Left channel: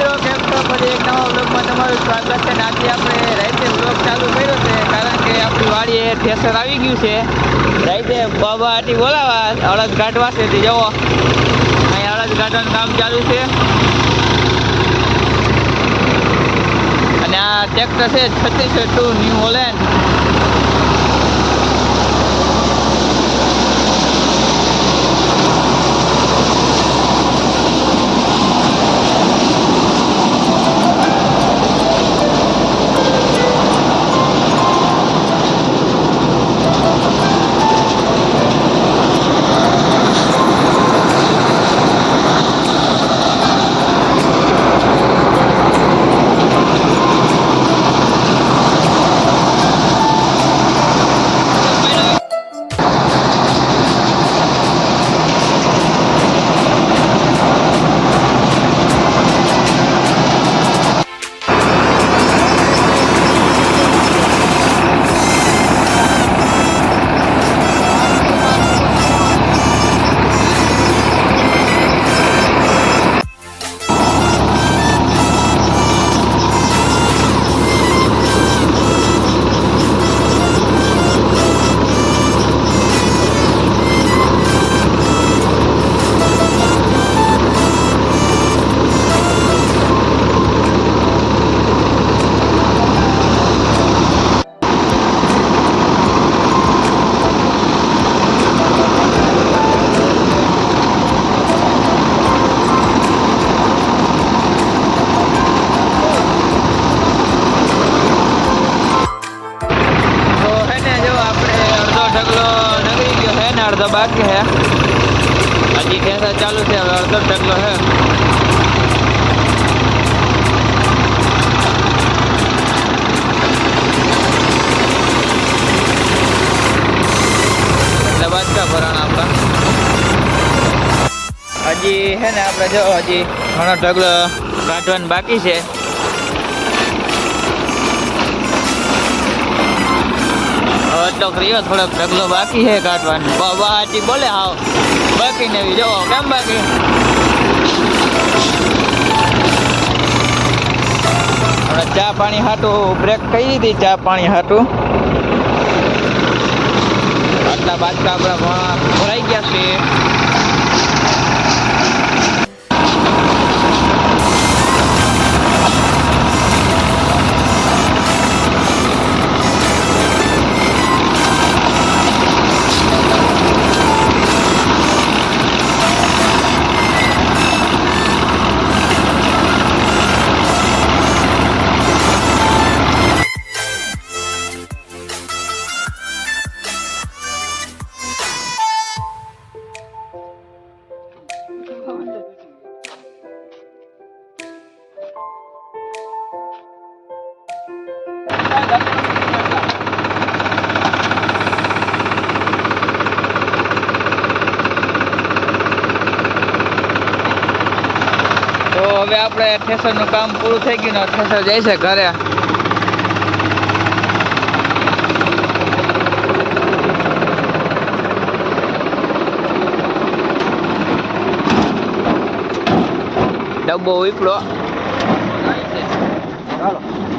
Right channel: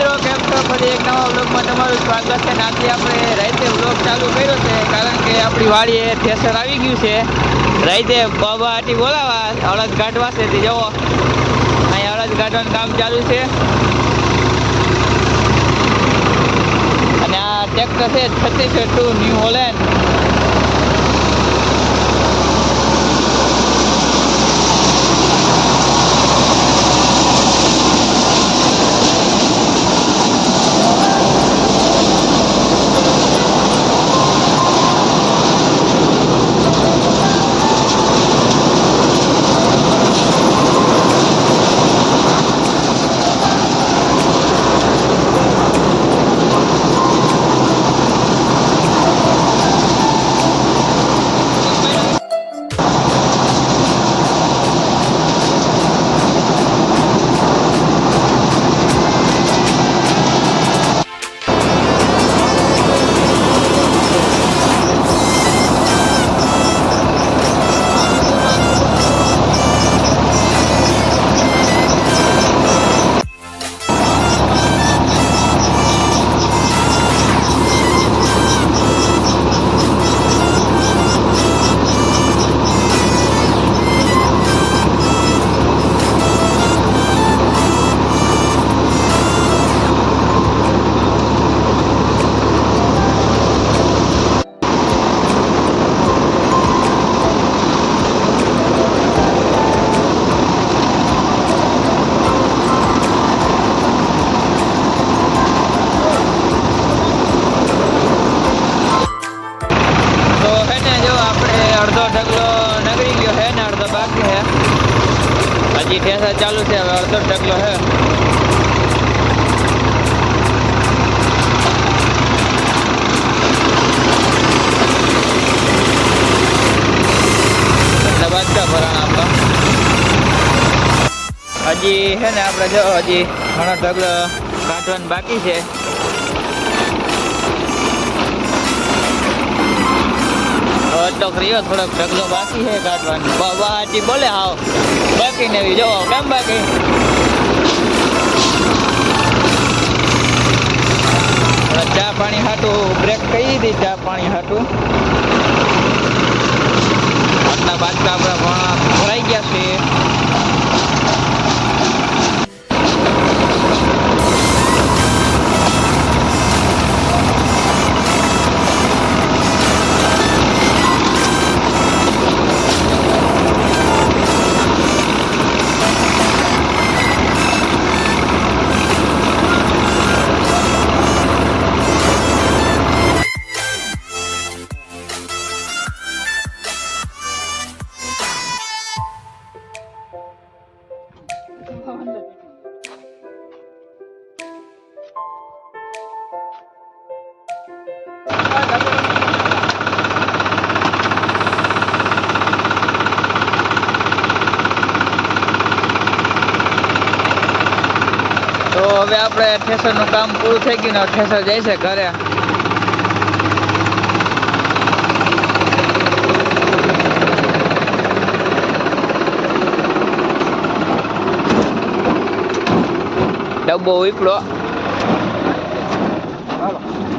મિત્રો કેમ છો? ફરી એક નવા વ્લોગમાં તમારું સ્વાગત છે. આજે આપણે રાતે વ્લોગ ચાલુ કર્યો છે કારણ કે આપણી વાડીએ થેસર આવી ગયું છે. રાતે બાબા હાટી બોલાવા અડદ કાઢવા છે. તે જવો અહીં અડદ કાઢવાનું કામ ચાલુ છે અને આ ટ્રેક્ટર છે 3602 ન્યૂ હોલેન્ડ. ઢગલો નગરી ગયો છે ને અડધો બાકી છે. હજી ઠેસા ચાલુ છે. હવે અડધો ઢગલો છે. એટલે બાજકા ભરાણા આપણા હજી છે ને. આપણે જો હજી ઘણો ઢગલો કાઢવાનું બાકી છે. એટલો કર્યો થોડોક ઢગલો બાકી છે કાઢવાનું. બાબા હાજી બોલે હાવ બાકી ને એવી જોવો કેમ બાકી. હવે ચા પાણી હાટું બ્રેક કહી દીધી. ચા પાણી હાટું આટલા બાજકા આપણા ભરાઈ ગયા છે. તો હવે આપણે થેસરનું કામ પૂરું થઈ ગયું ને થેસર જાય છે ઘરે. ડબ્બો ઉપડો